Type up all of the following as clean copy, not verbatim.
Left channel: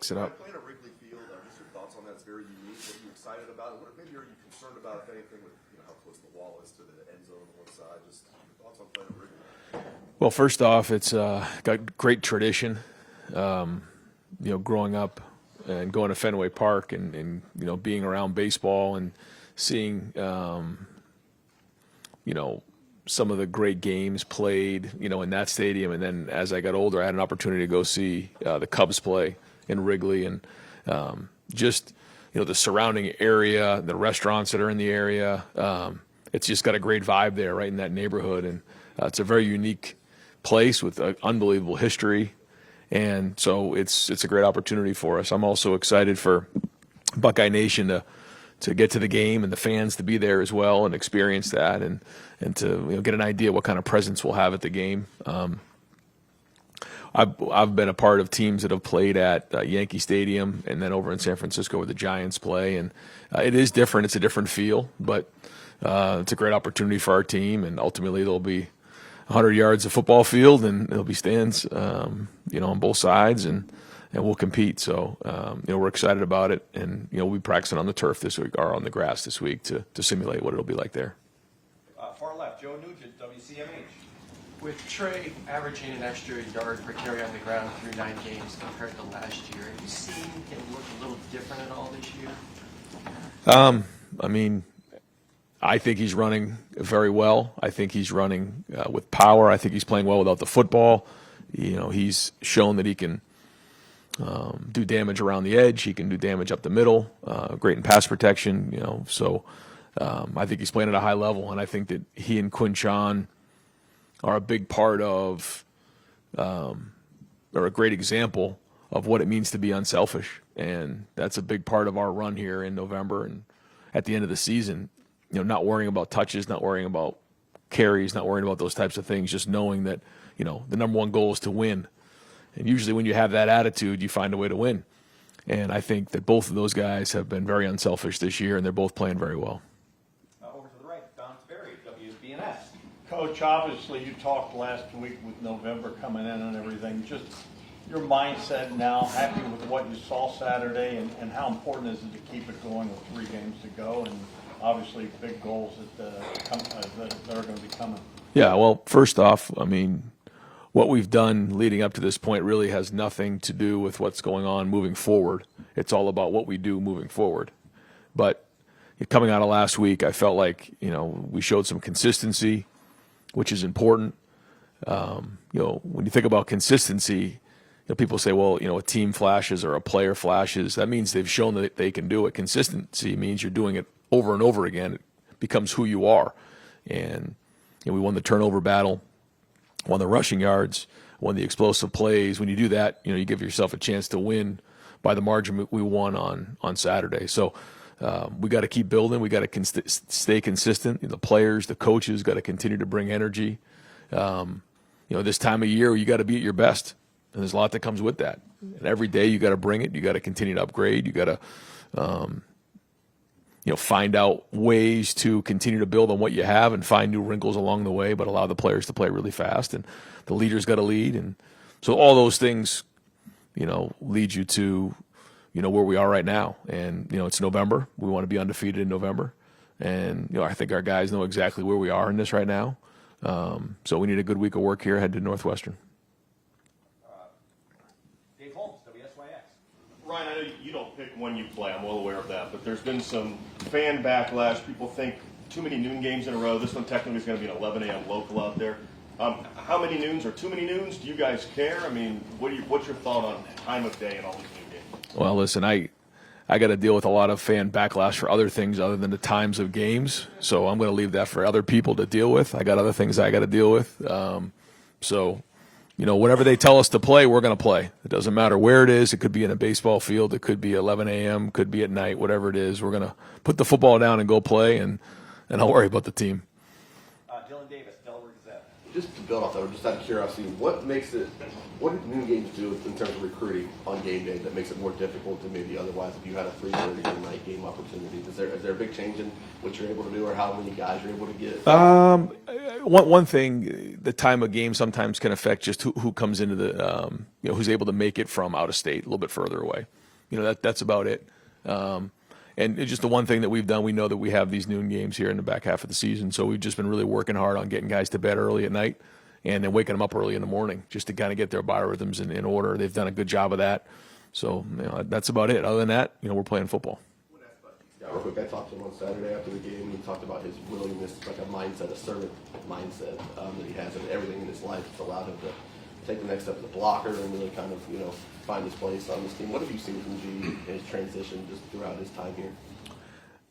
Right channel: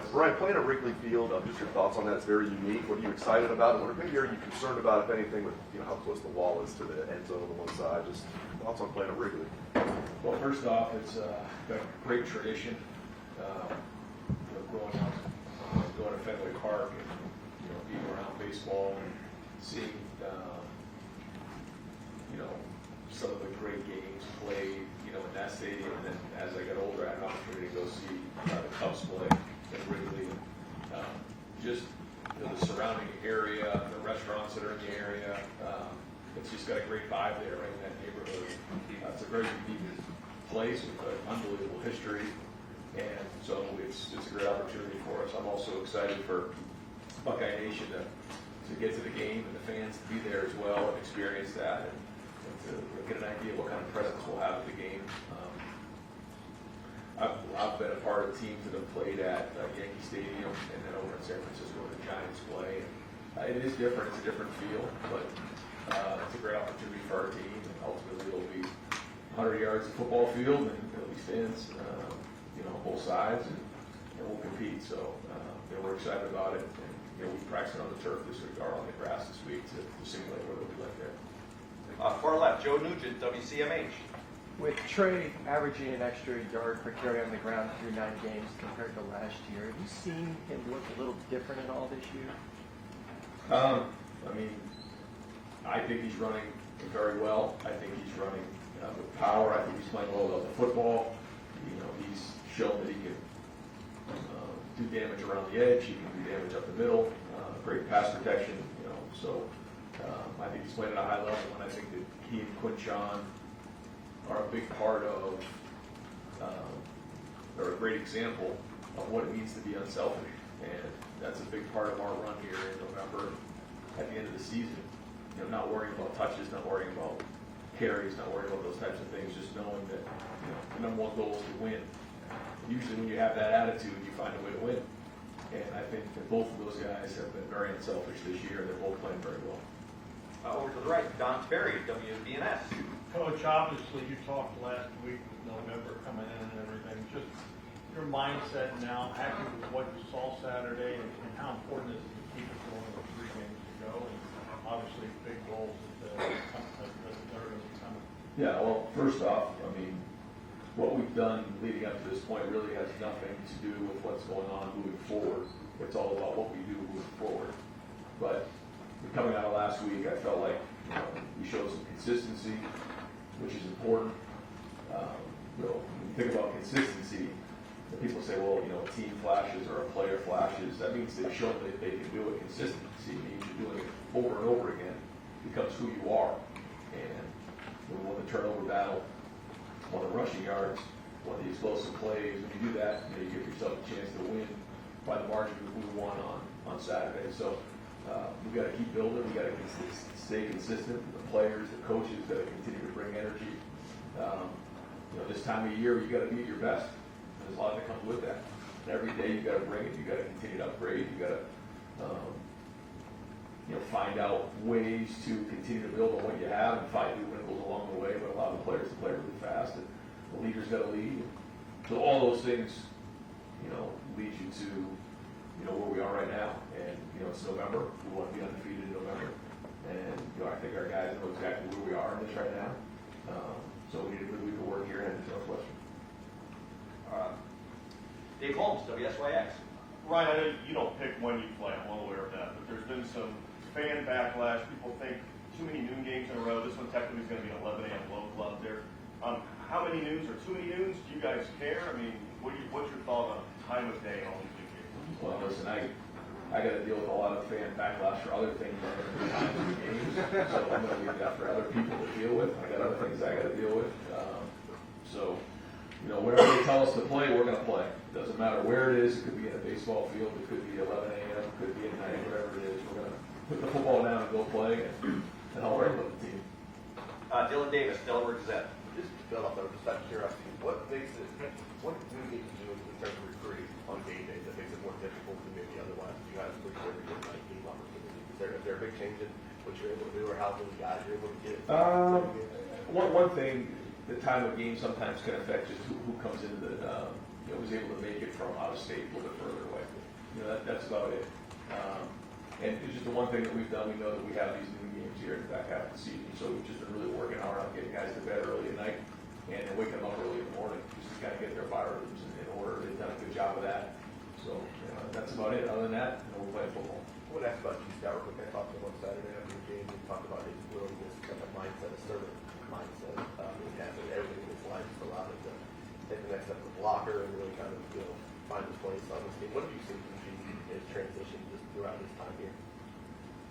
mix it Right, up. playing at Wrigley Field, just your thoughts on that. It's very unique. What are you excited about? Or maybe are you concerned about, if anything, with how close the wall is to the end zone on one side? Just thoughts on playing at Wrigley. Well, first off, it's got great tradition. Growing up and going to Fenway Park and being around baseball and seeing some of the great games played in that stadium. And then as I got older, I had an opportunity to go see the Cubs play in Wrigley, and just the surrounding area, the restaurants that are in the area. It's just got a great vibe there, right in that neighborhood, and it's a very unique place with an unbelievable history. And so it's a great opportunity for us. I'm also excited for Buckeye Nation to get to the game and the fans to be there as well and experience that and to get an idea what kind of presence we'll have at the game. I've been a part of teams that have played at Yankee Stadium and then over in San Francisco where the Giants play, and it is different. It's a different feel, but it's a great opportunity for our team, and ultimately there'll be 100 yards of football field, and there'll be stands, on both sides, and we'll compete. So, we're excited about it, and we'll be practicing on the turf this week, or on the grass this week, to simulate what it'll be like there. Far left, Joe Nugent, WCMH. With Trey averaging an extra yard per carry on the ground through 9 games compared to last year, have you seen him look a little different at all this year? I think he's running very well. I think he's running with power. I think he's playing well without the football. He's shown that he can do damage around the edge. He can do damage up the middle. Great in pass protection. So I think he's playing at a high level, and I think that he and Quinchon are a big part of, or a great example of what it means to be unselfish. And that's a big part of our run here in November and at the end of the season. Not worrying about touches, not worrying about carries, not worrying about those types of things, just knowing that, the number one goal is to win. And usually when you have that attitude, you find a way to win. And I think that both of those guys have been very unselfish this year, and they're both playing very well. Over to the right, Don Sperry, WDNS. Coach, obviously you talked last week with November coming in and everything. Just your mindset now, happy with what you saw Saturday, and how important is it to keep it going with 3 games to go, and obviously big goals that are going to be coming? Yeah, well, first off, what we've done leading up to this point really has nothing to do with what's going on moving forward. It's all about what we do moving forward. But coming out of last week, I felt like, we showed some consistency, which is important. When you think about consistency, people say, well, a team flashes or a player flashes. That means they've shown that they can do it. Consistency means you're doing it over and over again. It becomes who you are. And we won the turnover battle, won the rushing yards, won the explosive plays. When you do that, you give yourself a chance to win by the margin we won on Saturday. So we got to keep building. We got to stay consistent. The players, the coaches got to continue to bring energy. This time of year, you got to be at your best. And there's a lot that comes with that. And every day you got to bring it. You got to continue to upgrade. You got to, find out ways to continue to build on what you have and find new wrinkles along the way, but allow the players to play really fast. And the leaders got to lead. And so all those things, lead you to, where we are right now. And, it's November. We want to be undefeated in November. And, I think our guys know exactly where we are in this right now. So we need a good week of work here ahead to Northwestern. Dave Holmes, WSYX. Ryan, I know you don't pick when you play, I'm well aware of that, but there's been some fan backlash. People think too many noon games in a row. This one technically is going to be an 11 a.m. local out there. How many noons or too many noons? Do you guys care? What's your thought on time of day and all these noon games? Well, listen, I got to deal with a lot of fan backlash for other things other than the times of games, so I'm going to leave that for other people to deal with. I got other things I got to deal with. Whenever they tell us to play, we're going to play. It doesn't matter where it is. It could be in a baseball field. It could be 11 a.m. Could be at night. Whatever it is, we're going to put the football down and go play, and I'll worry about the team. Dylan Davis, Delaware Gazette. Just to build off that, just out of curiosity, what do new games do in terms of recruiting on game day that makes it more difficult than maybe otherwise if you had a 3:30 night game opportunity? Is there a big change in what you're able to do or how many guys you're able to get? one thing, the time of game sometimes can affect just who comes into the, who's able to make it from out of state, a little bit further away. That's about it. And it's just the one thing that we've done, we know that we have these noon games here in the back half of the season, so we've just been really working hard on getting guys to bed early at night and then waking them up early in the morning just to kind of get their biorhythms in order. They've done a good job of that. So that's about it. Other than that, we're playing football. I would ask about you, Scott, real quick. I talked to him on Saturday after the game. He talked about his willingness, like a mindset, a servant mindset that he has in everything in his life. It's allowed him to take the next step as a blocker and really kind of, find his place on this team. What have you seen from G in his transition just throughout his time here?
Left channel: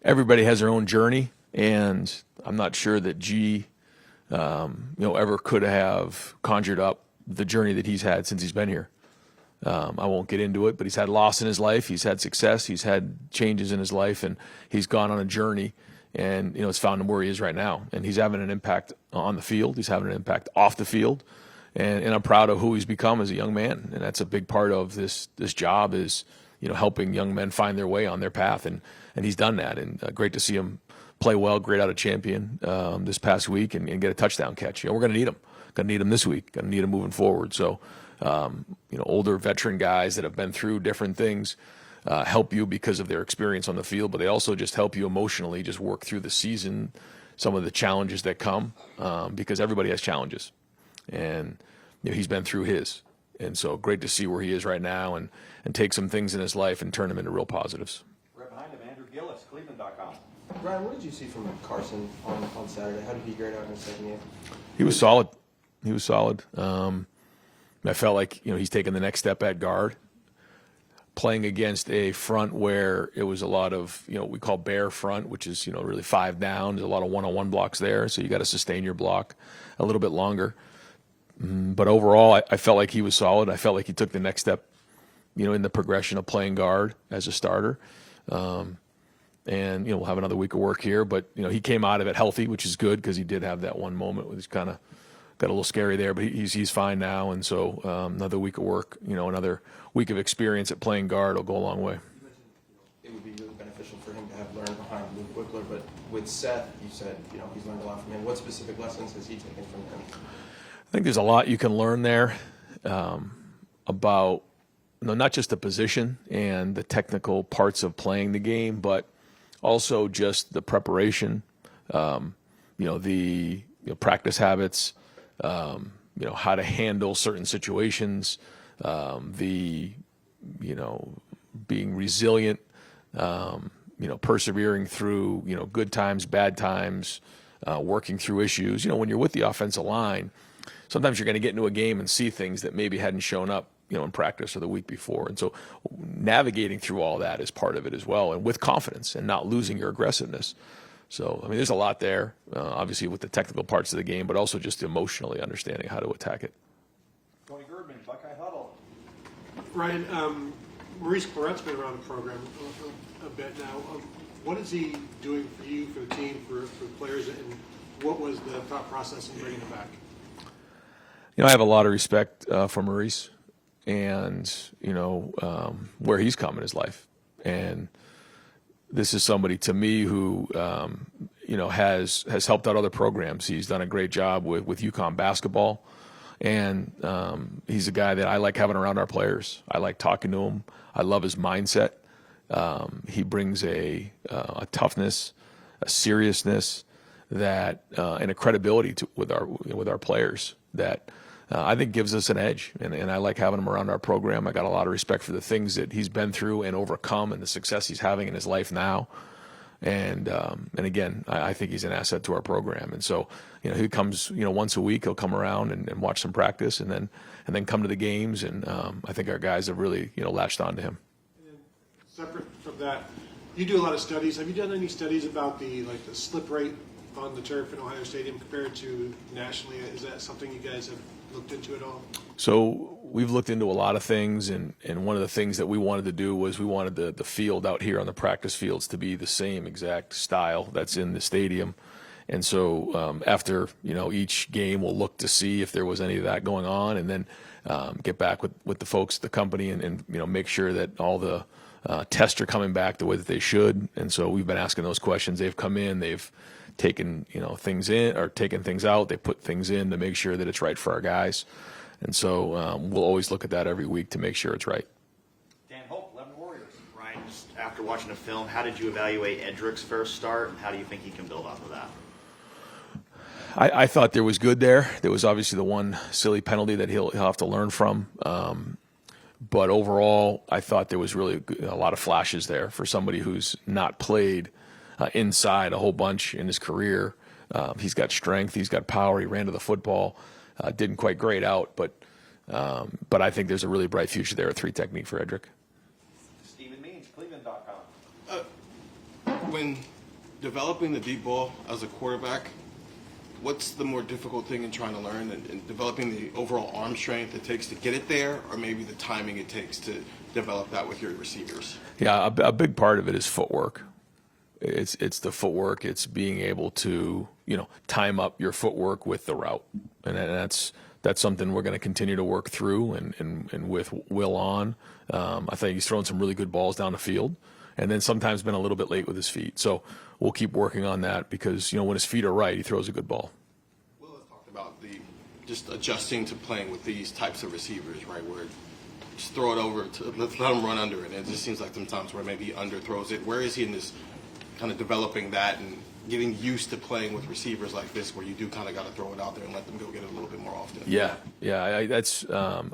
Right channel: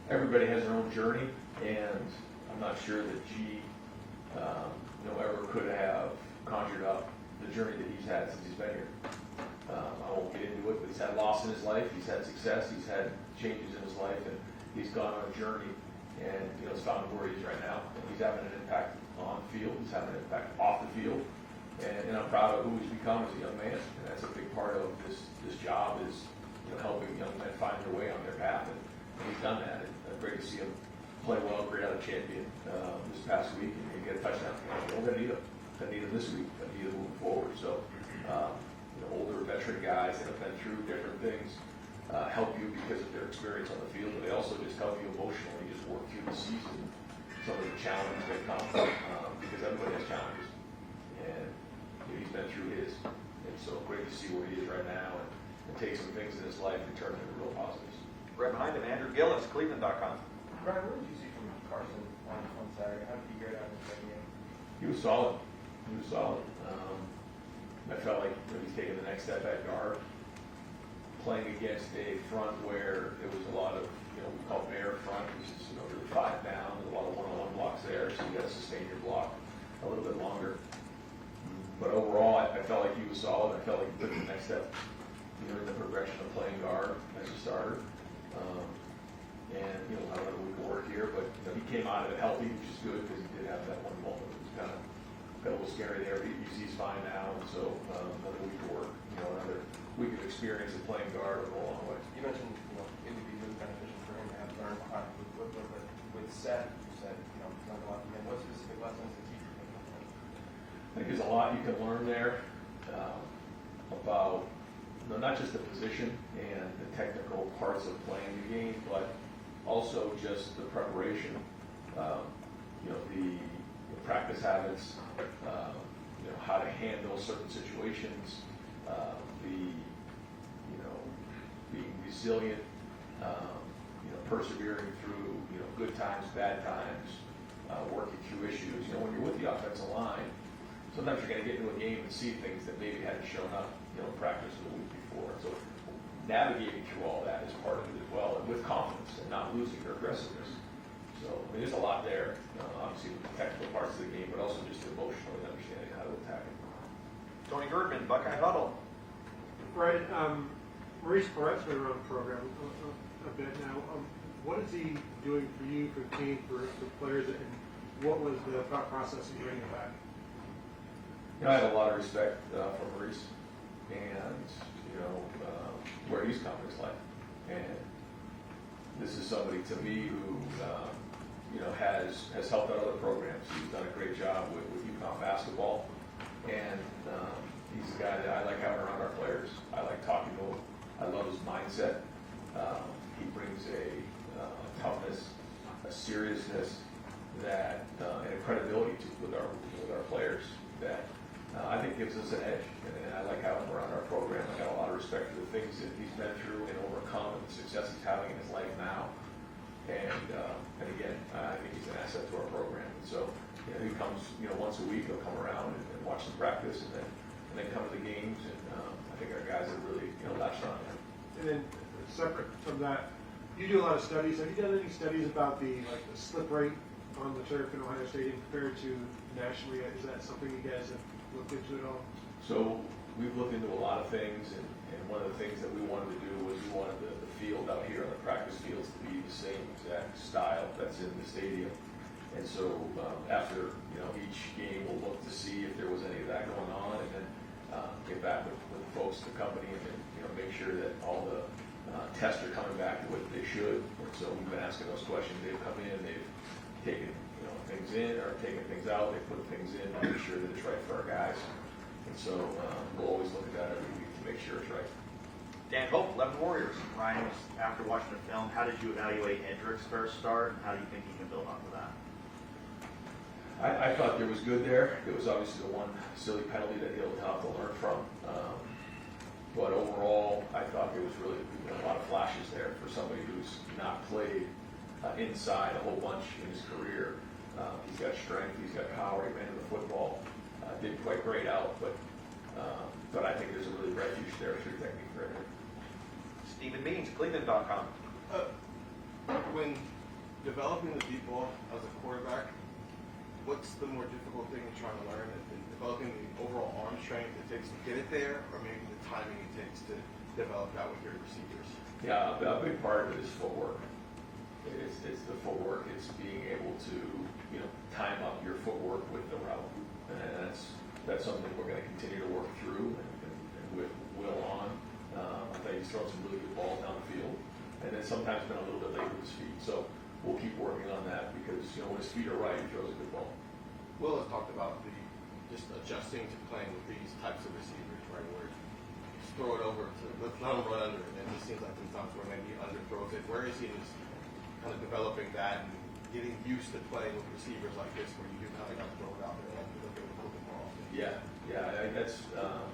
Everybody has their own journey, and I'm not sure that G, ever could have conjured up the journey that he's had since he's been here. I won't get into it, but he's had loss in his life, he's had success, he's had changes in his life, and he's gone on a journey, and it's found him where he is right now. And he's having an impact on the field, he's having an impact off the field, and I'm proud of who he's become as a young man. And that's a big part of this job is helping young men find their way on their path, and he's done that. And great to see him play well, great out of champion this past week, and get a touchdown catch. We're going to need him. Going to need him this week. Going to need him moving forward. So, older veteran guys that have been through different things help you because of their experience on the field, but they also just help you emotionally just work through the season, some of the challenges that come, because everybody has challenges. And he's been through his. And so great to see where he is right now and take some things in his life and turn them into real positives. Right behind him, Andrew Gillis, Cleveland.com. Brian, what did you see from Carson on Saturday? How did he grade out in the second game? He was solid. He was solid. I felt like he's taken the next step at guard, playing against a front where it was a lot of we call bear front, which is really 5 down. There's a lot of one-on-one blocks there, so you got to sustain your block a little bit longer. But overall, I felt like he was solid. I felt like he took the next step, in the progression of playing guard as a starter. And we'll have another week of work here, but he came out of it healthy, which is good because he did have that one moment where he's kind of got a little scary there, but he's fine now. And so another week of work, another week of experience at playing guard will go a long way. You mentioned it would be really beneficial for him to have learned behind Luke Wickler, but with Seth, you said he's learned a lot from him. What specific lessons has he taken from him? I think there's a lot you can learn there about not just the position and the technical parts of playing the game, but also just the preparation, the practice habits, how to handle certain situations, being resilient, persevering through good times, bad times, working through issues. When you're with the offensive line, sometimes you're going to get into a game and see things that maybe hadn't shown up in practice or the week before. And so navigating through all that is part of it as well, and with confidence and not losing your aggressiveness. So, there's a lot there, obviously with the technical parts of the game, but also just emotionally understanding how to attack it. Tony Girdman, Buckeye Huddle. Ryan, Maurice Barrett's been around the program a bit now. What is he doing for you, for the team, for the players, and what was the thought process in bringing him back? I have a lot of respect for Maurice and, where he's come in his life. And this is somebody to me who, has helped out other programs. He's done a great job with UConn basketball. And he's a guy that I like having around our players. I like talking to him. I love his mindset. He brings a toughness, a seriousness that, and a credibility with our players that I think gives us an edge, and I like having him around our program. I got a lot of respect for the things that he's been through and overcome, and the success he's having in his life now. And again, I think he's an asset to our program. And so, he comes, once a week. He'll come around and watch some practice, and then come to the games. And I think our guys have really, latched on to him. And then, separate from that, you do a lot of studies. Have you done any studies about the slip rate on the turf in Ohio Stadium compared to nationally? Is that something you guys have looked into at all? So we've looked into a lot of things, and one of the things that we wanted to do was we wanted the field out here on the practice fields to be the same exact style that's in the stadium. And so after each game, we'll look to see if there was any of that going on, and then get back with the folks at the company and make sure that all the tests are coming back the way that they should. And so we've been asking those questions. They've come in, they've taking, things in or taking things out. They put things in to make sure that it's right for our guys. And so we'll always look at that every week to make sure it's right. Dan Hope, 11 Warriors. Ryan, after watching the film, how did you evaluate Edric's first start, and how do you think he can build off of that? I thought there was good there. There was obviously the one silly penalty that he'll have to learn from. But overall, I thought there was really a lot of flashes there for somebody who's not played inside a whole bunch in his career. He's got strength. He's got power. He ran to the football. Didn't quite grade out, but I think there's a really bright future there at 3 technique for Edric. Stephen Means, Cleveland.com. When developing the deep ball as a quarterback, what's the more difficult thing in trying to learn and developing the overall arm strength it takes to get it there, or maybe the timing it takes to develop that with your receivers? Yeah, a big part of it is footwork. It's the footwork. It's being able to time up your footwork with the route, and that's something we're going to continue to work through. And with Will on, I think he's thrown some really good balls down the field, and then sometimes been a little bit late with his feet. So we'll keep working on that because when his feet are right, he throws a good ball. Will has talked about just adjusting to playing with these types of receivers, right? Where just throw it over to let him run under it. And it just seems like sometimes where maybe he underthrows it. Where is he in this kind of developing that and getting used to playing with receivers like this, where you do kind of got to throw it out there and let them go get it a little bit more often? Yeah.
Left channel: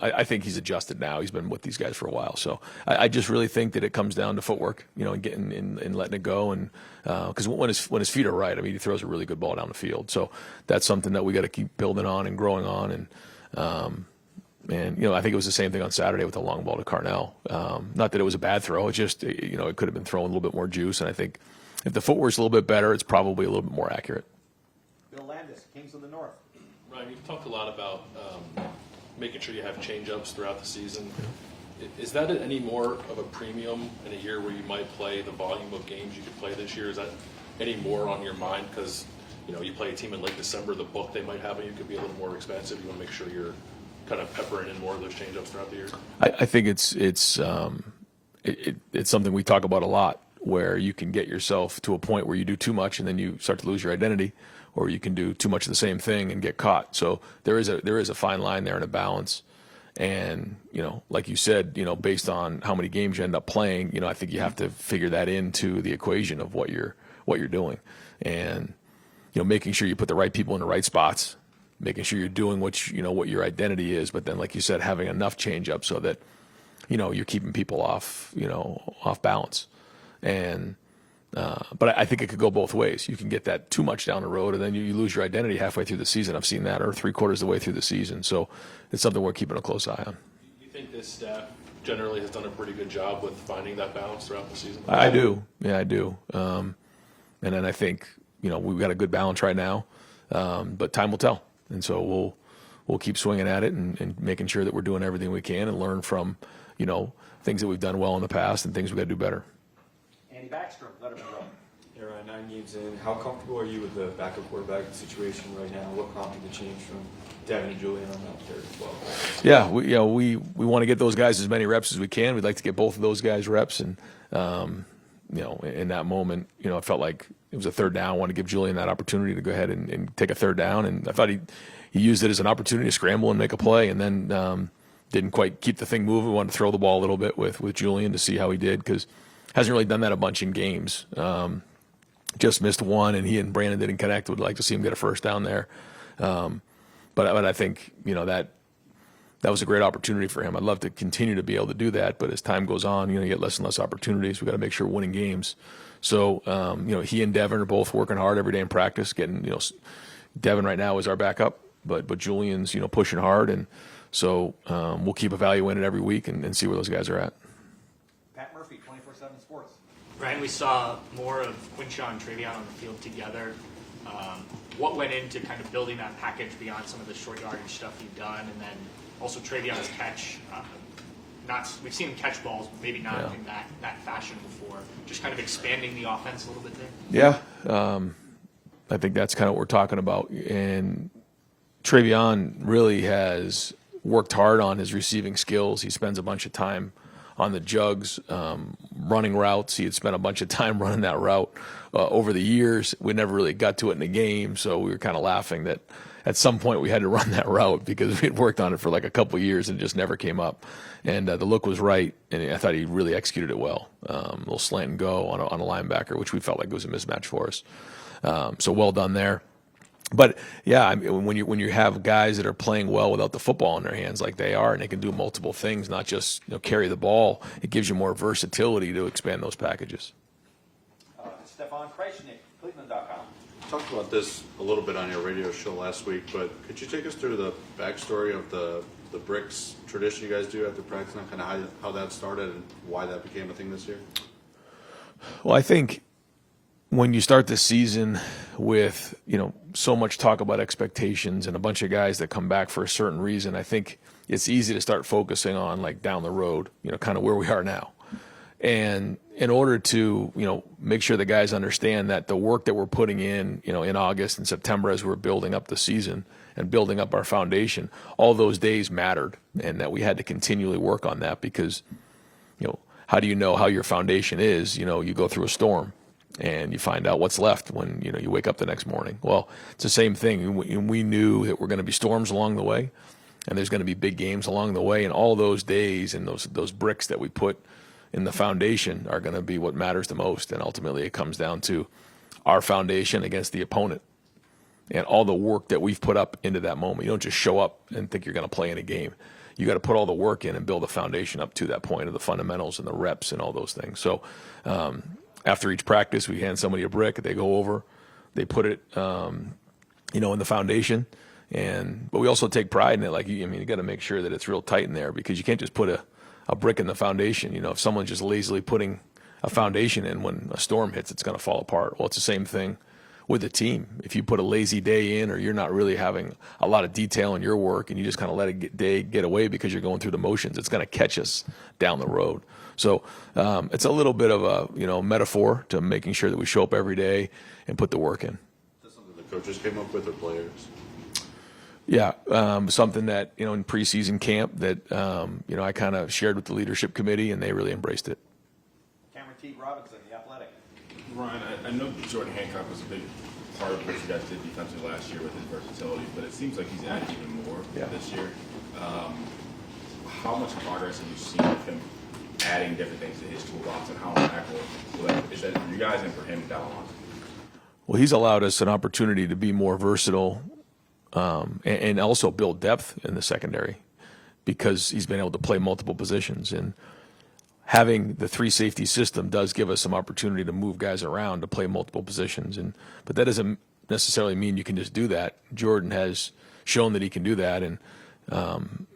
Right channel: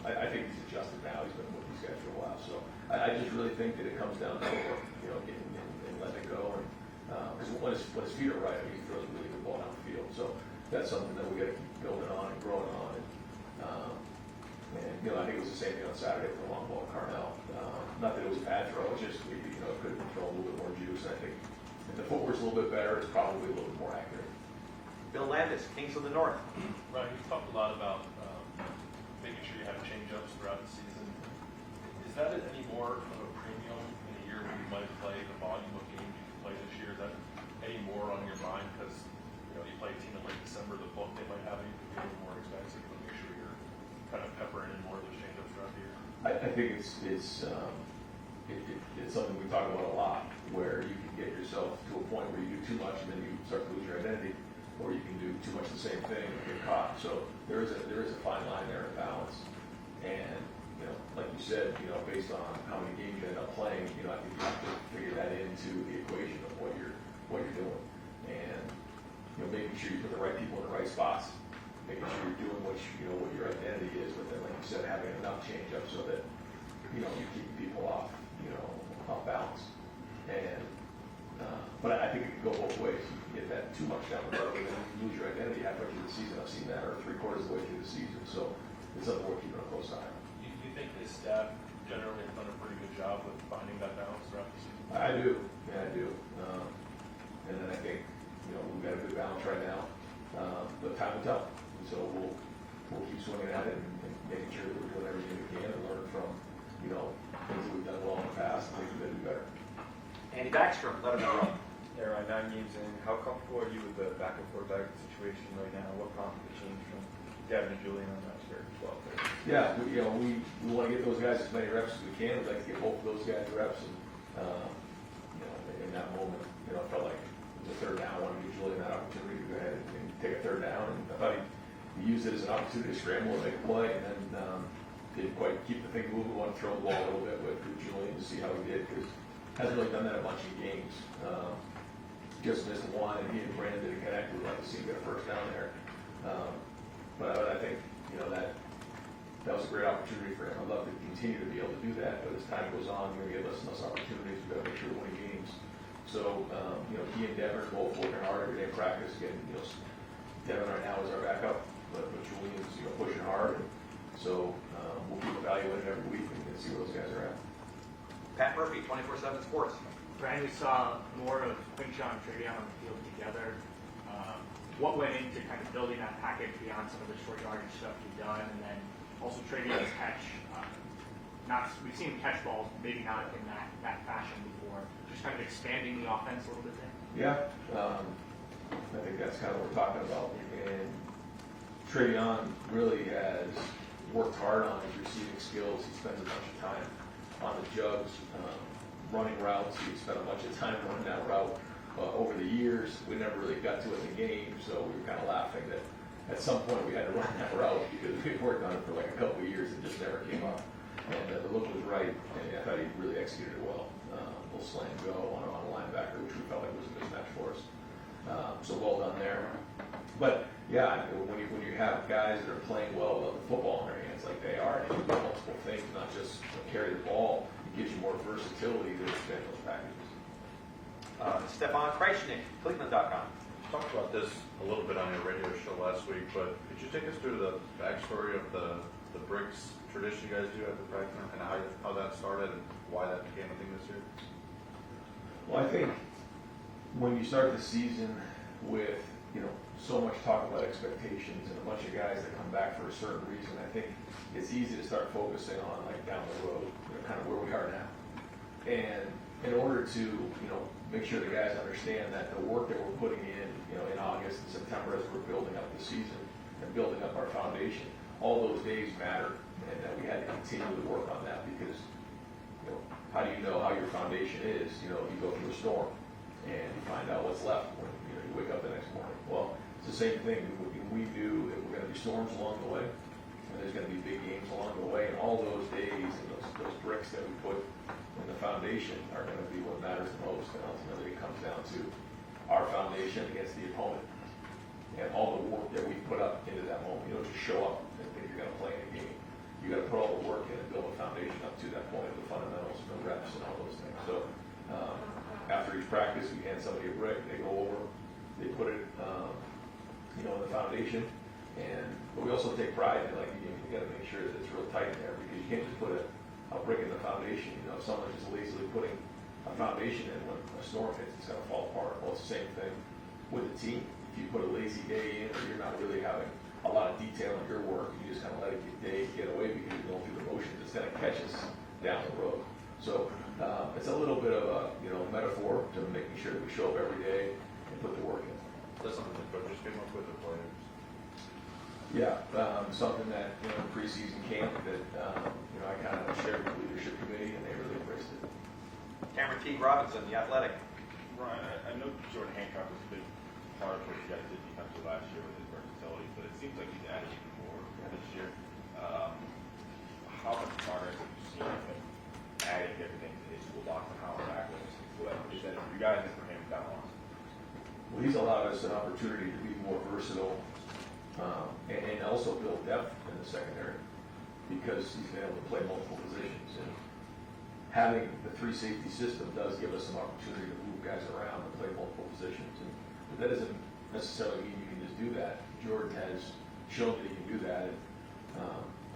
I think he's adjusted now. He's been with these guys for a while, so I just really think that it comes down to footwork, and getting and letting it go, and because when his feet are right, I mean, he throws a really good ball down the field. So that's something that we got to keep building on and growing on, and I think it was the same thing on Saturday with the long ball to Carnell. Not that it was a bad throw, it just it could have been thrown a little bit more juice, and I think if the footwork's a little bit better, it's probably a little bit more accurate. Bill Landis, Kings of the North. Right, we've talked a lot about making sure you have change-ups throughout the season. Is that any more of a premium in a year where you might play the volume of games you could play this year? Is that any more on your mind? Because you play a team in late December, the book they might have on you could be a little more expensive. You want to make sure you're kind of peppering in more of those change-ups throughout the year. I think it's something we talk about a lot, where you can get yourself to a point where you do too much and then you start to lose your identity, or you can do too much of the same thing and get caught. So there is a fine line there and a balance. And like you said, based on how many games you end up playing, I think you have to figure that into the equation of what you're doing, and making sure you put the right people in the right spots, making sure you're doing what your identity is, but then, like you said, having enough change up so that you're keeping people off balance. And but I think it could go both ways. You can get that too much down the road, and then you lose your identity halfway through the season. I've seen that, or 3/4 of the way through the season. So it's something we're keeping a close eye on. Do you think this staff generally has done a pretty good job with finding that balance throughout the season? I do. Yeah, I do. And then I think we've got a good balance right now, but time will tell. And so we'll keep swinging at it and making sure that we're doing everything we can and learn from things that we've done well in the past and things we've got to do better. Andy Backstrom, let us know. Yeah, Ryan, 9 games in. How comfortable are you with the backup quarterback situation right now? What prompted the change from Devin and Julian on that there as well? Yeah, we want to get those guys as many reps as we can. We'd like to get both of those guys reps, and in that moment, I felt like it was a third down. I wanted to give Julian that opportunity to go ahead and take a third down, and I thought he used it as an opportunity to scramble and make a play, and then didn't quite keep the thing moving. We wanted to throw the ball a little bit with Julian to see how he did, because hasn't really done that a bunch in games. Just missed one, and he and Brandon didn't connect. Would like to see him get a first down there. But I think that was a great opportunity for him. I'd love to continue to be able to do that, but as time goes on, you get less and less opportunities. We've got to make sure we're winning games. So he and Devin are both working hard every day in practice. Getting Devin right now is our backup, but Julian's pushing hard, and so we'll keep evaluating it every week and see where those guys are at. Pat Murphy, 24/7 Sports. Brian, we saw more of Quinshaw and Travion on the field together. What went into kind of building that package beyond some of the short yardage stuff you've done, and then also Travion's catch? We've seen him catch balls, maybe not in that fashion before. Just kind of expanding the offense a little bit there. Yeah, I think that's kind of what we're talking about. And Travion really has worked hard on his receiving skills. He spends a bunch of time on the jugs, running routes. He had spent a bunch of time running that route over the years. We never really got to it in the game, so we were kind of laughing that at some point we had to run that route because we had worked on it for like a couple of years and just never came up. And the look was right, and I thought he really executed it well. A little slant and go on a linebacker, which we felt like was a mismatch for us. So well done there. But yeah, I mean, when you have guys that are playing well without the football in their hands like they are, and they can do multiple things, not just carry the ball, it gives you more versatility to expand those packages. Stefan Krajcik, Cleveland.com. Talked about this a little bit on your radio show last week, but could you take us through the backstory of the bricks tradition you guys do after practice, and kind of how that started and why that became a thing this year? Well, I think when you start the season with, so much talk about expectations and a bunch of guys that come back for a certain reason, I think it's easy to start focusing on like down the road, kind of where we are now. And in order to, make sure the guys understand that the work that we're putting in, in August and September as we're building up the season and building up our foundation, all those days mattered, and that we had to continually work on that because, how do you know how your foundation is? You go through a storm and you find out what's left when, you wake up the next morning. Well, it's the same thing. We knew that we're going to be storms along the way, and there's going to be big games along the way, and all those days and those bricks that we put in the foundation are going to be what matters the most. And ultimately it comes down to our foundation against the opponent and all the work that we've put up into that moment. You don't just show up and think you're going to play in a game. You got to put all the work in and build a foundation up to that point of the fundamentals and the reps and all those things. So after each practice, we hand somebody a brick, they go over, they put it, in the foundation. But we also take pride in it. Like, you got to make sure that it's real tight in there because you can't just put a brick in the foundation. If someone's just lazily putting a foundation in, when a storm hits, it's going to fall apart. Well, it's the same thing with the team. If you put a lazy day in, or you're not really having a lot of detail in your work and you just kind of let a get away because you're going through the motions, it's going to catch us down the road. So it's a little bit of a metaphor to making sure that we show up every day and put the work in. That's something the coaches came up with, or players? Yeah, something that, in preseason camp that, I kind of shared with the leadership committee, and they really embraced it. Cameron T. Robinson, The Athletic. Ryan, I know Jordan Hancock was a big part of what you guys did defensively last year with his versatility, but it seems like he's added even more this year. How much progress have you seen of him adding different things to his toolbox, and how impactful is that for you guys and for him down the line? Well, he's allowed us an opportunity to be more versatile and also build depth in the secondary because he's been able to play multiple positions. And having the 3 safety system does give us some opportunity to move guys around to play multiple positions. But that doesn't necessarily mean you can just do that. Jordan has shown that he can do that, and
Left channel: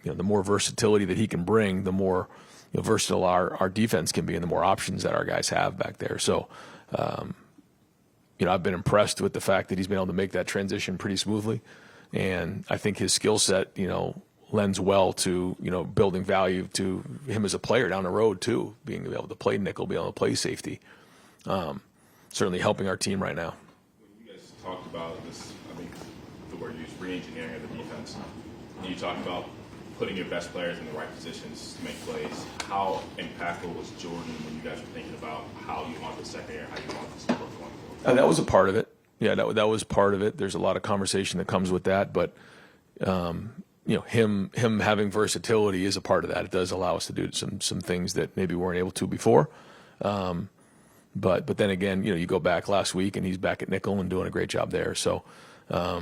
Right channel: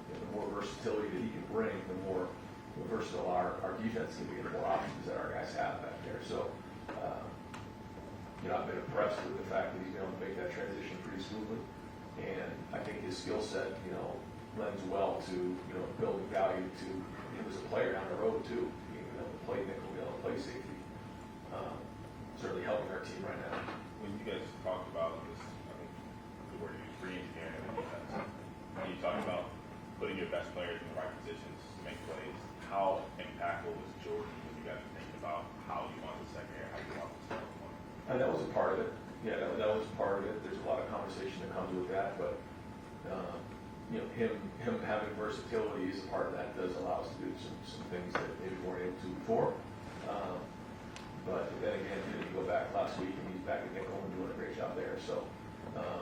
the more versatility that he can bring, the more versatile our defense can be, and the more options that our guys have back there. So, I've been impressed with the fact that he's been able to make that transition pretty smoothly. And I think his skill set, lends well to, building value to him as a player down the road too, being able to play nickel, being able to play safety. Certainly helping our team right now. When you guys talked about this, I think the word you used, re-engineering of the defense, when you talked about putting your best players in the right positions to make plays, how impactful was Jordan when you guys were thinking about how you want the secondary, how you want this to work going forward? That was a part of it. Yeah, that was part of it. There's a lot of conversation that comes with that, but him having versatility is a part of that. It does allow us to do some things that maybe we weren't able to before. But then again, you go back last week and he's back at nickel and doing a great job there. So, that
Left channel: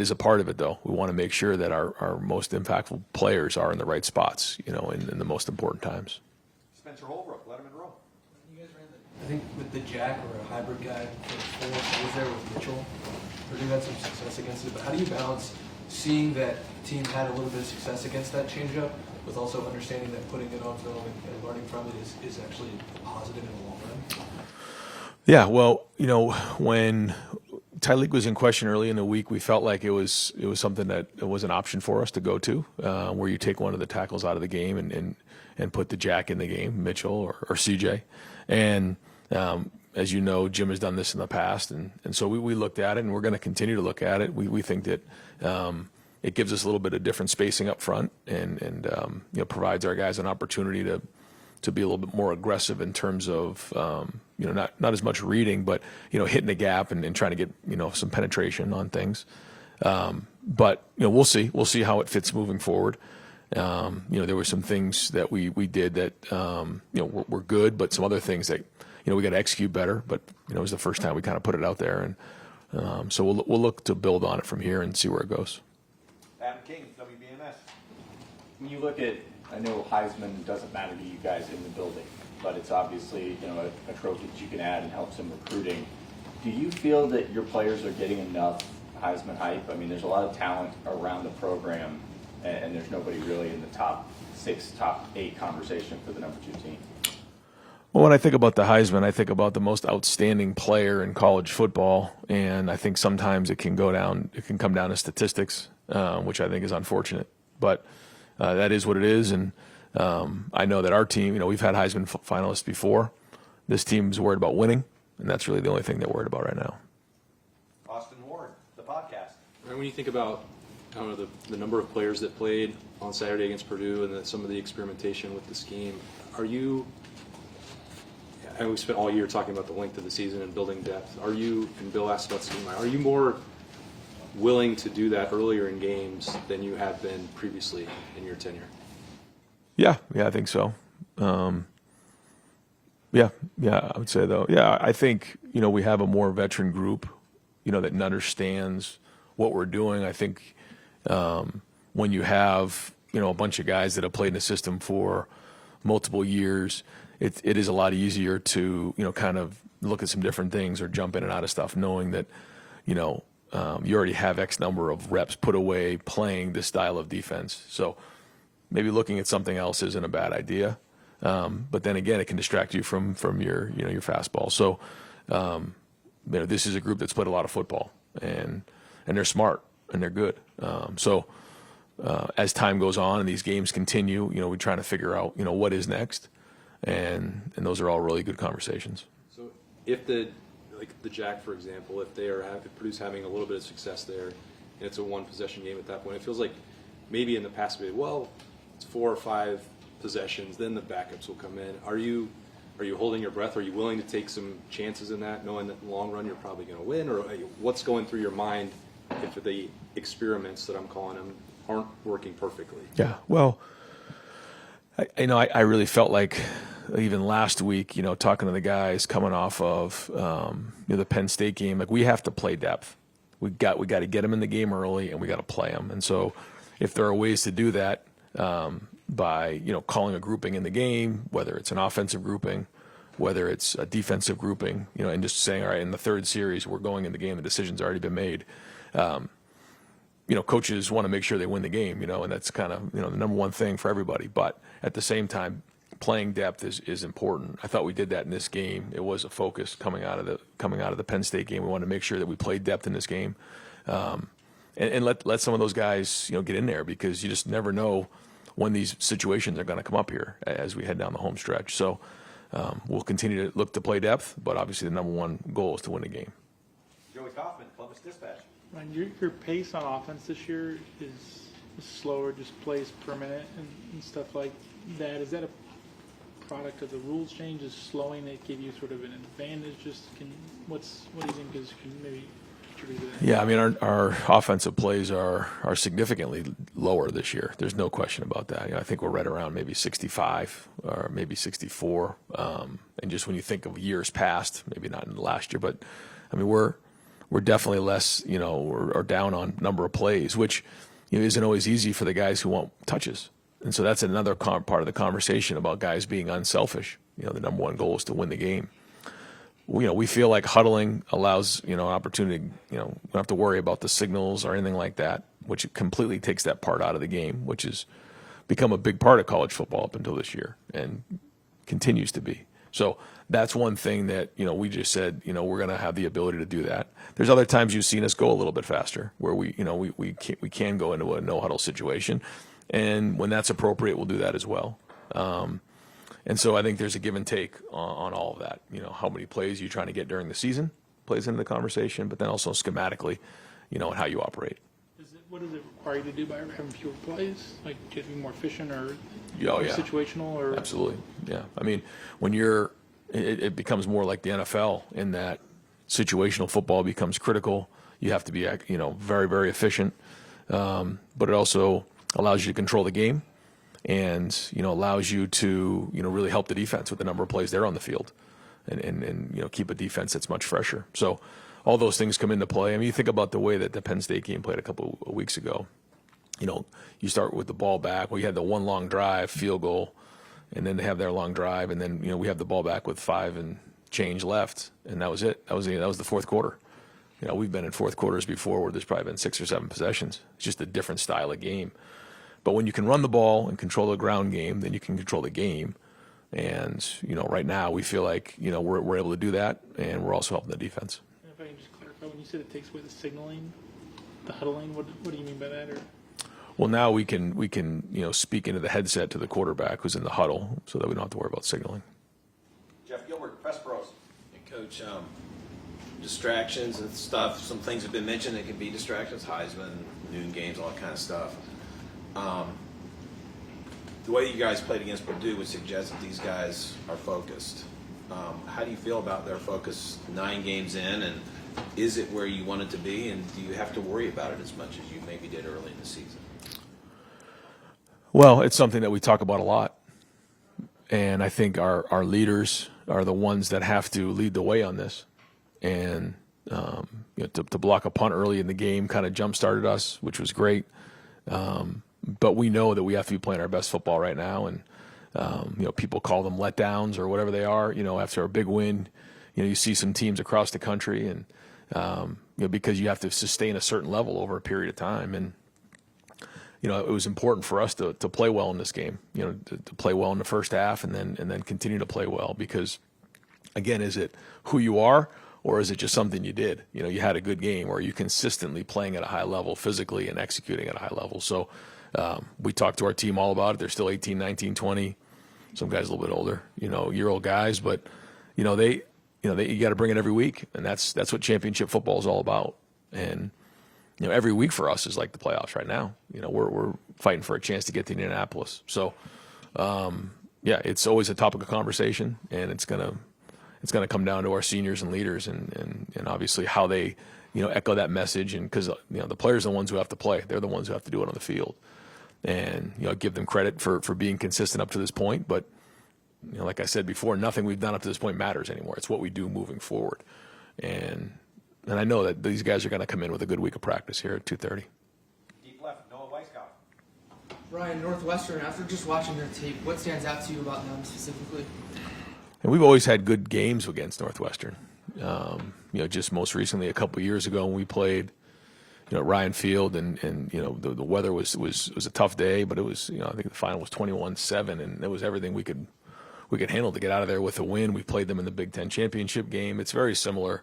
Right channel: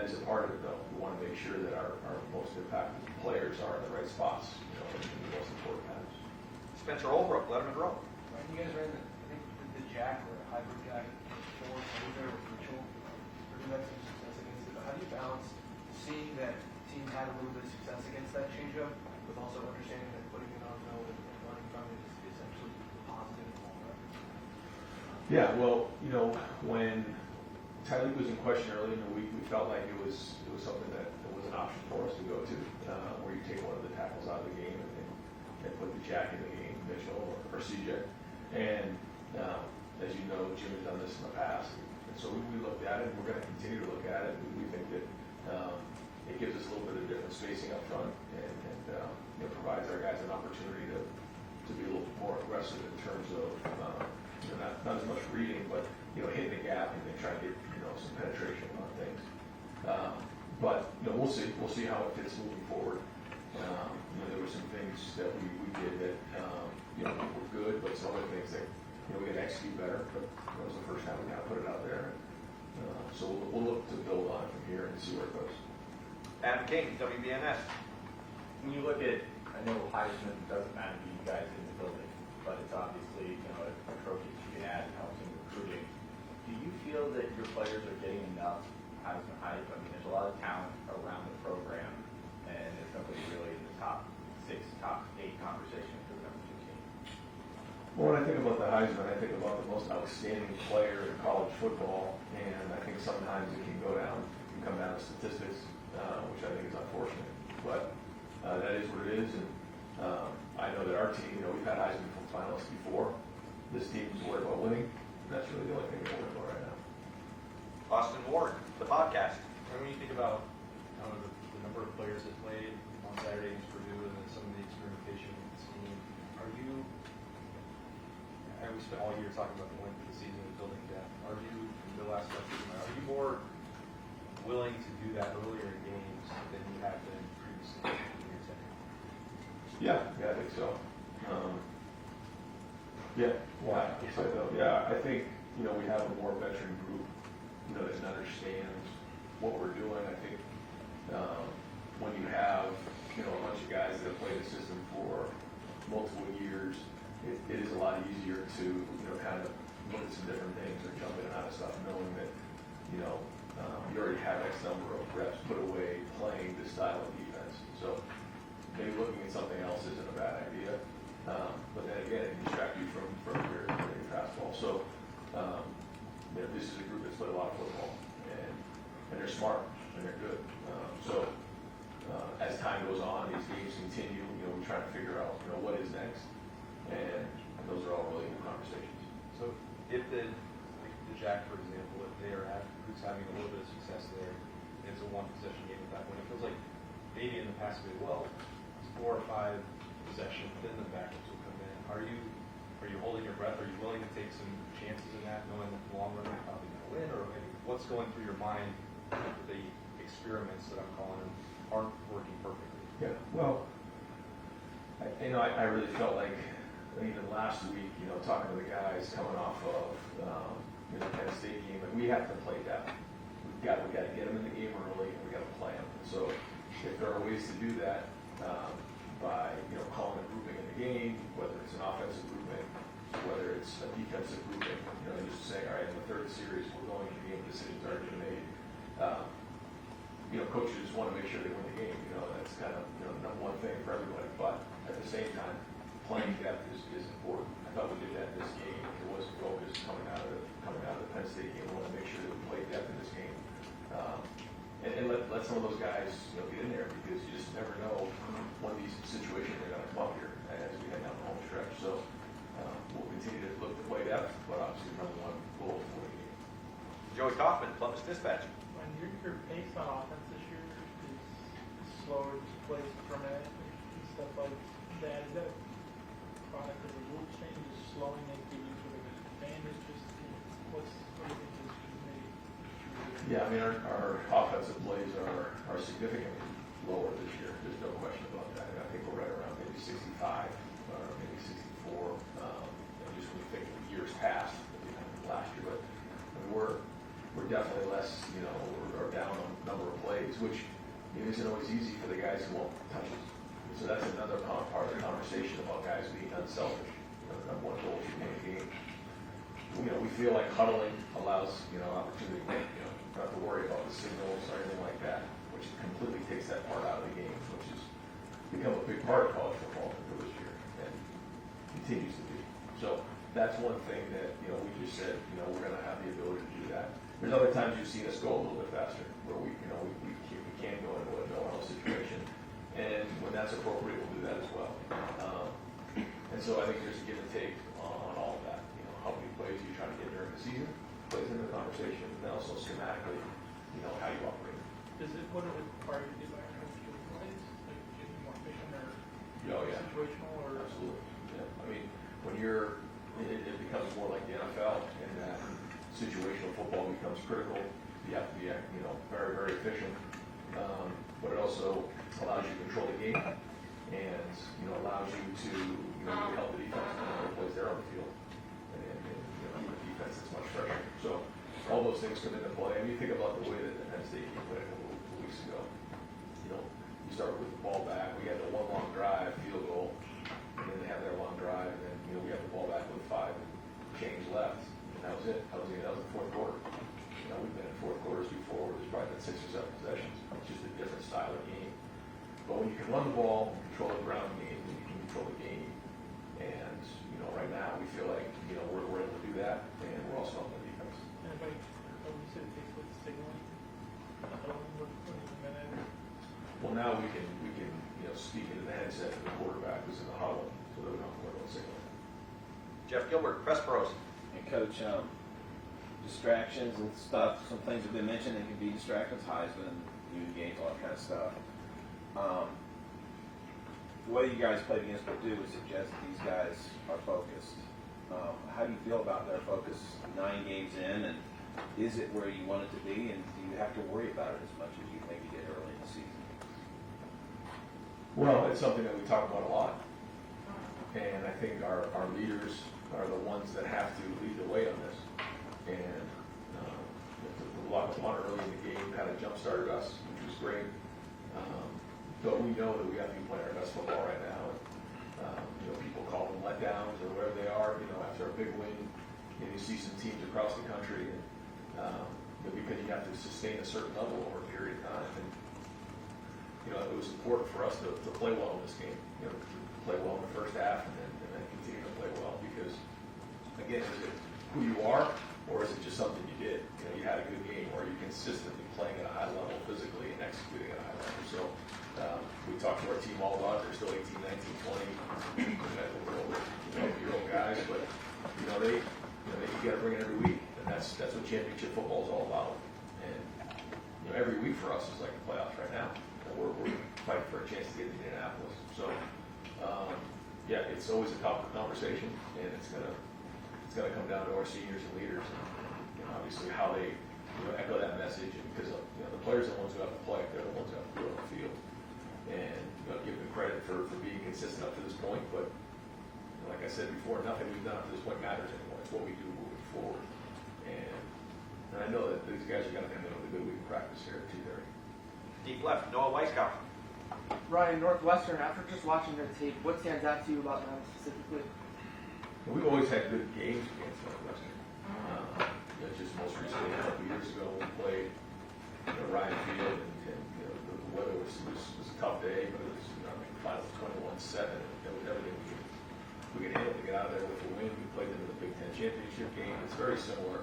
is a part of it though. We want to make sure that our most impactful players are in the right spots, in the most important times. Spencer Olbrook, Letterman Row. You guys ran, I think, with the Jack or a hybrid guy for 4. He was there with Mitchell. Purdue had some success against it, but how do you balance seeing that team had a little bit of success against that changeup with also understanding that putting it on film and learning from it is actually positive in the long run? Yeah, well, when Tyleek was in question early in the week, we felt like it was something that was an option for us to go to, where you take one of the tackles out of the game and put the Jack in the game, Mitchell or CJ. And as you know, Jim has done this in the past, and so we looked at it, and we're going to continue to look at it. We think that it gives us a little bit of different spacing up front, and provides our guys an opportunity to to be a little bit more aggressive in terms of, not as much reading, but, hitting the gap and trying to get, some penetration on things. But, we'll see. We'll see how it fits moving forward. There were some things that we did that, were good, but some other things that, we got to execute better. But, it was the first time we kind of put it out there. And so we'll look to build on it from here and see where it goes. Adam King, WBNS. When you look at, I know Heisman doesn't matter to you guys in the building, but it's obviously, a trophy that you can add and helps in recruiting. Do you feel that your players are getting enough Heisman hype? I mean, there's a lot of talent around the program, and there's nobody really in the top 6, top 8 conversation for the number 2 team. Well, when I think about the Heisman, I think about the most outstanding player in college football, and I think sometimes it can come down to statistics, which I think is unfortunate. But that is what it is, and I know that our team, we've had Heisman finalists before. This team's worried about winning, and that's really the only thing they're worried about right now. Austin Ward, the podcast. When you think about, the number of players that played on Saturday against Purdue and then some of the experimentation with the scheme, we spent all year talking about the length of the season and building depth. And Bill asked about scheme, are you more willing to do that earlier in games than you have been previously in your tenure? Yeah, I think so. I would say though. Yeah, I think, we have a more veteran group, that understands what we're doing. I think when you have, a bunch of guys that have played in the system for multiple years, it is a lot easier to, kind of look at some different things or jump in and out of stuff, knowing that, you already have X number of reps put away playing this style of defense. So maybe looking at something else isn't a bad idea. But then again, it can distract you from your, your fastball. So, this is a group that's played a lot of football, and they're smart and they're good. As time goes on and these games continue, we try to figure out, what is next. And those are all really good conversations. So if the Jack, for example, if Purdue's having a little bit of success there, and it's a 1-possession game at that point, it feels like maybe in the past, it's 4 or 5 possessions, then the backups will come in. Are you holding your breath? Are you willing to take some chances in that, knowing that in the long run you're probably going to win? Or what's going through your mind if the experiments that I'm calling them aren't working perfectly? Yeah, well, I really felt like even last week, talking to the guys coming off of the Penn State game, like we have to play depth. We got to get them in the game early, and we got to play them. And so, if there are ways to do that by calling a grouping in the game, whether it's an offensive grouping, whether it's a defensive grouping, and just saying, all right, in the 3rd series we're going in the game, the decision's already been made. Coaches want to make sure they win the game, and that's kind of the number one thing for everybody. But at the same time, playing depth is important. I thought we did that in this game. It was a focus coming out of the Penn State game. We wanted to make sure that we played depth in this game, and let some of those guys get in there, because you just never know when these situations are going to come up here as we head down the home stretch. So we'll continue to look to play depth, but obviously the number one goal is to win the game. Joey Kaufman, Columbus Dispatch. Your pace on offense this year is slower, just plays per minute and stuff like that. Is that a product of the rules change? Is slowing that give you sort of an advantage? What do you think is maybe contributed to that? Yeah, I mean our offensive plays are significantly lower this year. There's no question about that. I think we're right around maybe 65 or maybe 64. And just when you think of years past, maybe not in the last year, but I mean we're definitely less, or down on number of plays, which isn't always easy for the guys who want touches. And so that's another part of the conversation about guys being unselfish. The number one goal is to win the game. We feel like huddling allows, an opportunity, we don't have to worry about the signals or anything like that, which completely takes that part out of the game, which has become a big part of college football up until this year and continues to be. So that's one thing that, we just said, we're going to have the ability to do that. There's other times you've seen us go a little bit faster where we can go into a no huddle situation. And when that's appropriate, we'll do that as well. And so I think there's a give and take on all of that. How many plays you're trying to get during the season plays into the conversation, but then also schematically, and how you operate. What does it require you to do by having fewer plays? Like getting more efficient, or Oh, yeah. Situational or? Absolutely, yeah. I mean, when it becomes more like the NFL in that situational football becomes critical. You have to be, very, very efficient. But it also allows you to control the game and, allows you to, really help the defense with the number of plays they're on the field and keep a defense that's much fresher. So all those things come into play. I mean, you think about the way that the Penn State game played a couple of weeks ago. You start with the ball back. We had the one long drive, field goal, and then they have their long drive, and then we have the ball back with 5 and change left, and that was it. That was the fourth quarter. We've been in fourth quarters before where there's probably been 6 or 7 possessions. It's just a different style of game. But when you can run the ball and control the ground game, then you can control the game. And right now we feel like we're able to do that, and we're also helping the defense. If I can just clarify, when you said it takes away the signaling, the huddling, what do you mean by that? Or? Well, now we can speak into the headset to the quarterback who's in the huddle, so that we don't have to worry about signaling. Jeff Gilbert, Press Pros. And Coach, distractions and stuff. Some things have been mentioned that can be distractions. Heisman, noon games, all that kind of stuff. The way you guys played against Purdue would suggest that these guys are focused. How do you feel about their focus 9 games in, and is it where you want it to be, and do you have to worry about it as much as you maybe did early in the season? Well, it's something that we talk about a lot, and I think our leaders are the ones that have to lead the way on this. And to block a punt early in the game kind of jump-started us, which was great. But we know that we have to be playing our best football right now, and people call them letdowns or whatever they are. After a big win, you see some teams across the country, and because you have to sustain a certain level over a period of time, and it was important for us to play well in this game. To play well in the first half, and then continue to play well, because again, is it who you are, or is it just something you did? You had a good game, or are you consistently playing at a high level physically and executing at a high level? So we talked to our team all about it. They're still 18, 19, 20. Some guys a little bit older, year-old guys, but you got to bring it every week, and that's what championship football is all about. And every week for us is like the playoffs right now. We're fighting for a chance to get to Indianapolis. So it's always a topic of conversation, and it's gonna come down to our seniors and leaders, and obviously how they echo that message, and because the players are the ones who have to play. They're the ones who have to do it on the field, and give them credit for being consistent up to this point. But like I said before, nothing we've done up to this point matters anymore. It's what we do moving forward, and I know that these guys are going to come in with a good week of practice here at 2:30. Deep left, Noah Weisskopf. Ryan, Northwestern, after just watching their tape, what stands out to you about them specifically? And we've always had good games against Northwestern. Just most recently, a couple of years ago, when we played, Ryan Field, and the weather was a tough day, but it was, I think the final was 21-7, and it was everything we could handle to get out of there with a win. We played them in the Big Ten championship game. It's very similar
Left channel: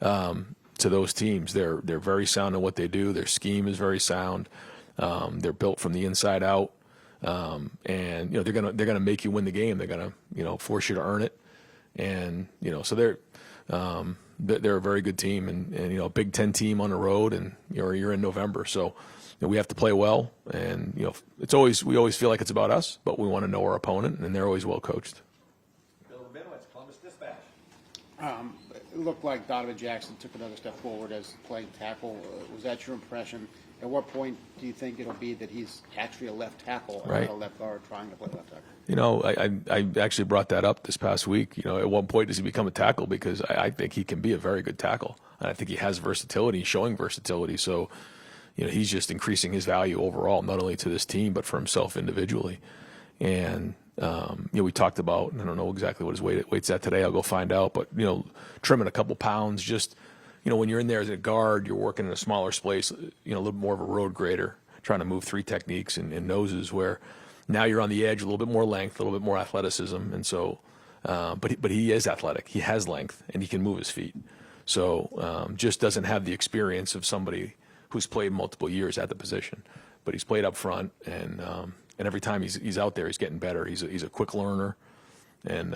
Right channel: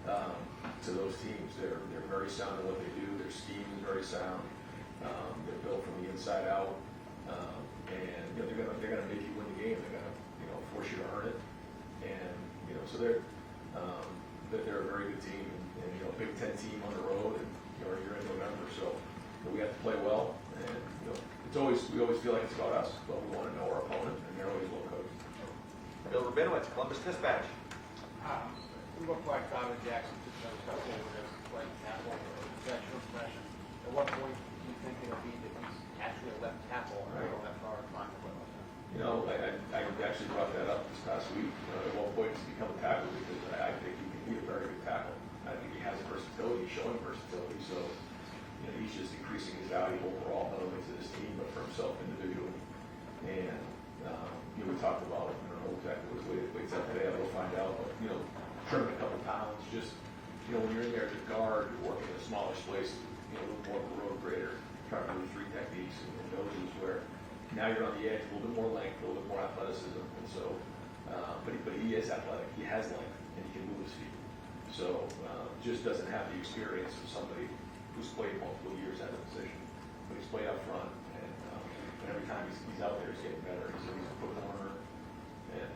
to those teams. They're very sound in what they do. Their scheme is very sound. They're built from the inside out. And they're gonna make you win the game. They're gonna force you to earn it, and so they're a very good team, and a Big Ten team on the road, and you're in November, so we have to play well, and we always feel like it's about us, but we want to know our opponent, and they're always well coached. Bill Rabinowitz, Columbus Dispatch. It looked like Donovan Jackson took another step forward as playing tackle. Was that your impression? At what point do you think it'll be that he's actually a left tackle, right, or a left guard trying to play left tackle? I actually brought that up this past week. At what point does he become a tackle? Because I think he can be a very good tackle. And I think he has versatility, he's showing versatility. So, he's just increasing his value overall, not only to this team, but for himself individually. And, we talked about, I don't know exactly what his weight's at today. I'll go find out. But, trimming a couple pounds, just, when you're in there as a guard, you're working in a smaller space, a little more of a road grader, trying to move 3 techniques and noses, where now you're on the edge, a little bit more length, a little bit more athleticism. And so, but he is athletic. He has length, and he can move his feet. So just doesn't have the experience of somebody who's played multiple years at the position. But he's played up front, and every time he's out there, he's getting better. He's a quick learner, and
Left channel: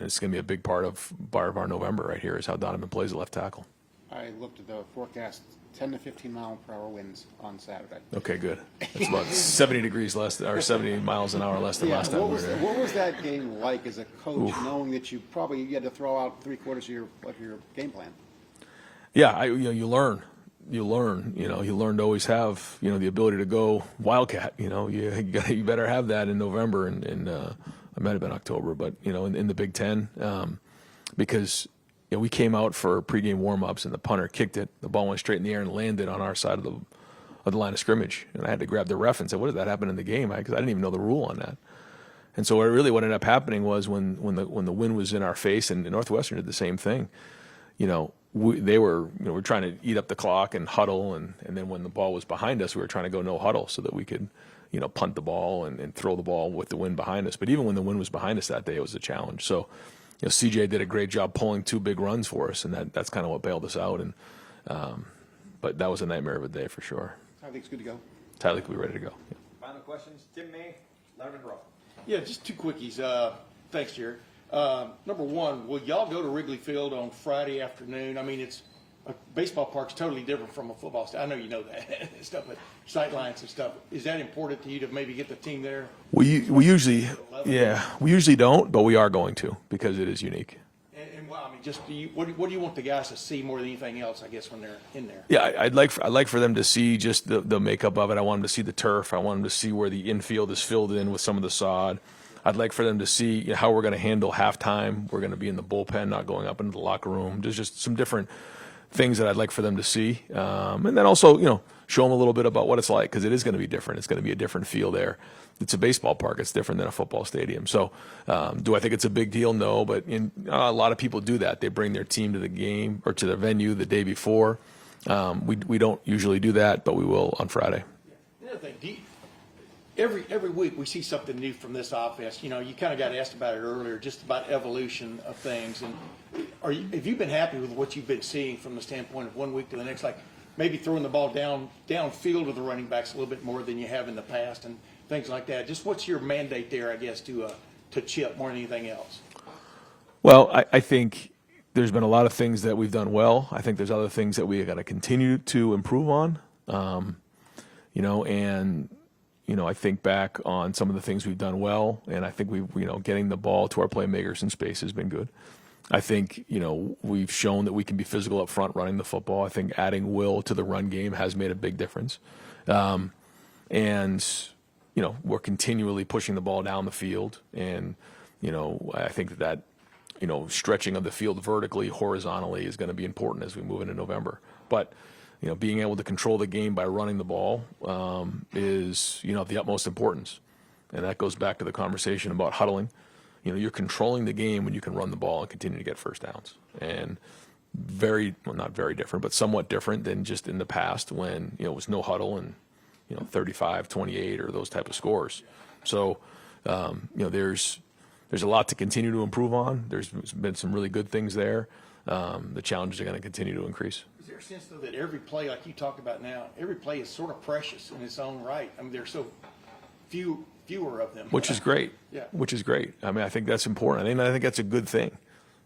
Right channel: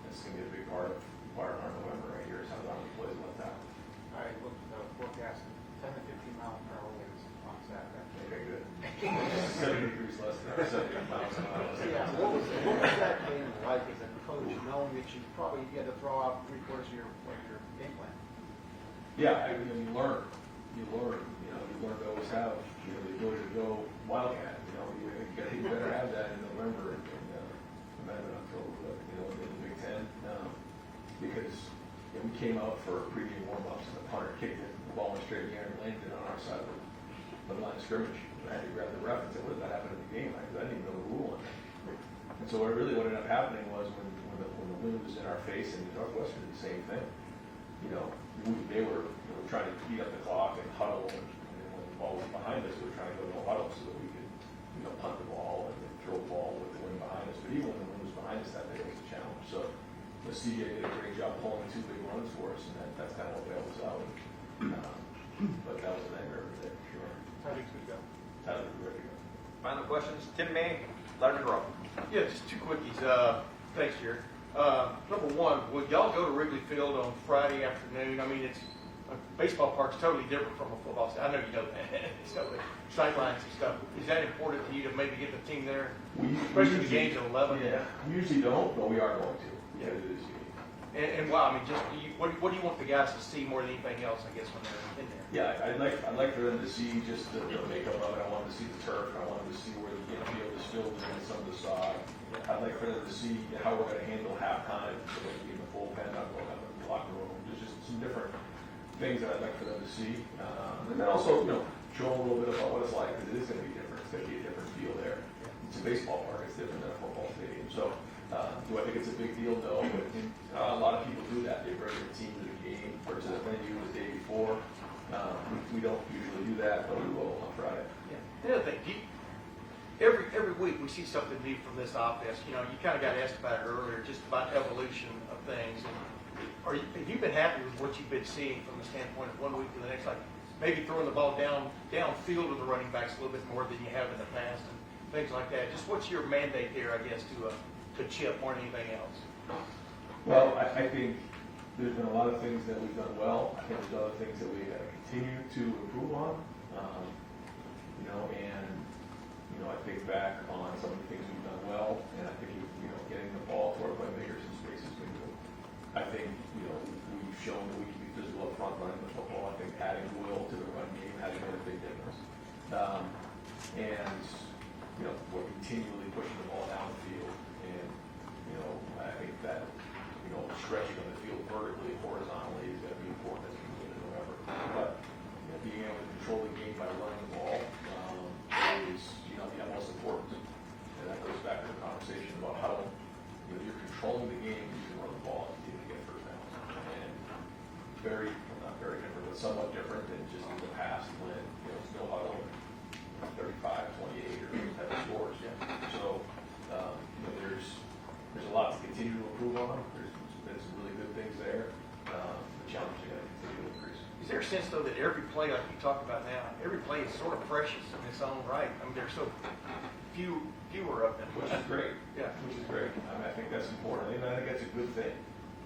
it's going to be a big part of our November right here is how Donovan plays at left tackle. I looked at the forecast 10 to 15 mile per hour winds on Saturday. Okay, good. It's about 70 degrees less, or 70 miles an hour less than last time we were there. What was that game like as a coach, knowing that you had to throw out 3/4 of your game plan? Yeah, you learn. You learn. You learn to always have the ability to go wildcat. You better have that in November, and it might have been October, but in the Big Ten, because we came out for pregame warm-ups and the punter kicked it. The ball went straight in the air and landed on our side of the line of scrimmage, and I had to grab the ref and say, "What did that happen in the game?" Because I didn't even know the rule on that. And so what ended up happening was when the wind was in our face, and Northwestern did the same thing. They were we're trying to eat up the clock and huddle, and then when the ball was behind us, we were trying to go no huddle so that we could punt the ball and throw the ball with the wind behind us. But even when the wind was behind us that day, it was a challenge. So CJ did a great job pulling 2 big runs for us, and that's kind of what bailed us out. And but that was a nightmare of a day for sure. Tyleek's good to go. Tyleek will be ready to go. Final questions? Tim May, Larry Rowe. Yeah, just 2 quickies. Thanks, Jared. Number one, will y'all go to Wrigley Field on Friday afternoon? I mean, it's a baseball park's totally different from a football stadium. I know you know that. It's totally sightlines and stuff. Is that important to you to maybe get the team there? We usually don't, but we are going to because it is unique. And well, I mean, just what do you want the guys to see more than anything else? I guess when they're in there. Yeah, I'd like for them to see just the makeup of it. I want them to see the turf. I want them to see where the infield is filled in with some of the sod. I'd like for them to see how we're going to handle halftime. We're going to be in the bullpen, not going up into the locker room. There's just some different things that I'd like for them to see, and then also show them a little bit about what it's like because it is going to be different. It's going to be a different feel there. It's a baseball park. It's different than a football stadium. So, do I think it's a big deal? No, but a lot of people do that. They bring their team to the game or to the venue the day before. We don't usually do that, but we will on Friday. Yeah. Another thing, every week we see something new from this offense. You kind of got asked about it earlier, just about evolution of things. And have you been happy with what you've been seeing from the standpoint of one week to the next? Like maybe throwing the ball downfield with the running backs a little bit more than you have in the past, and things like that. Just what's your mandate there, I guess, to chip more than anything else? Well, I think there's been a lot of things that we've done well. I think there's other things that we are going to continue to improve on. I think back on some of the things we've done well, and I think getting the ball to our playmakers in space has been good. I think, we've shown that we can be physical up front running the football. I think adding Will to the run game has made a big difference. We're continually pushing the ball down the field, and I think that stretching of the field vertically, horizontally is going to be important as we move into November. But being able to control the game by running the ball is of the utmost importance, and that goes back to the conversation about huddling. You're controlling the game when you can run the ball and continue to get first downs, and not very different, but somewhat different than just in the past when it was no huddle and 35-28 or those type of scores. So, there's a lot to continue to improve on. There's been some really good things there. The challenges are going to continue to increase. Is there a sense, though, that every play, like you talk about now, every play is sort of precious in its own right? I mean, there's so fewer of them. Which is great. Yeah. Which is great. I mean, I think that's important. I think that's a good thing.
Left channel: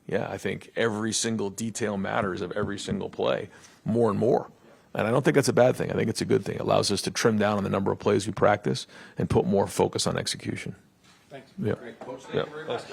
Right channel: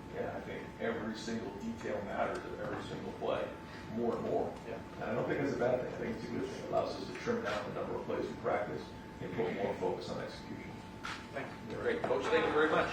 Yeah, I think every single detail matters of every single play more and more. And I don't think that's a bad thing. I think it's a good thing. It allows us to trim down on the number of plays we practice and put more focus on execution. Thanks. Yeah. Great. Coach, thank you very much.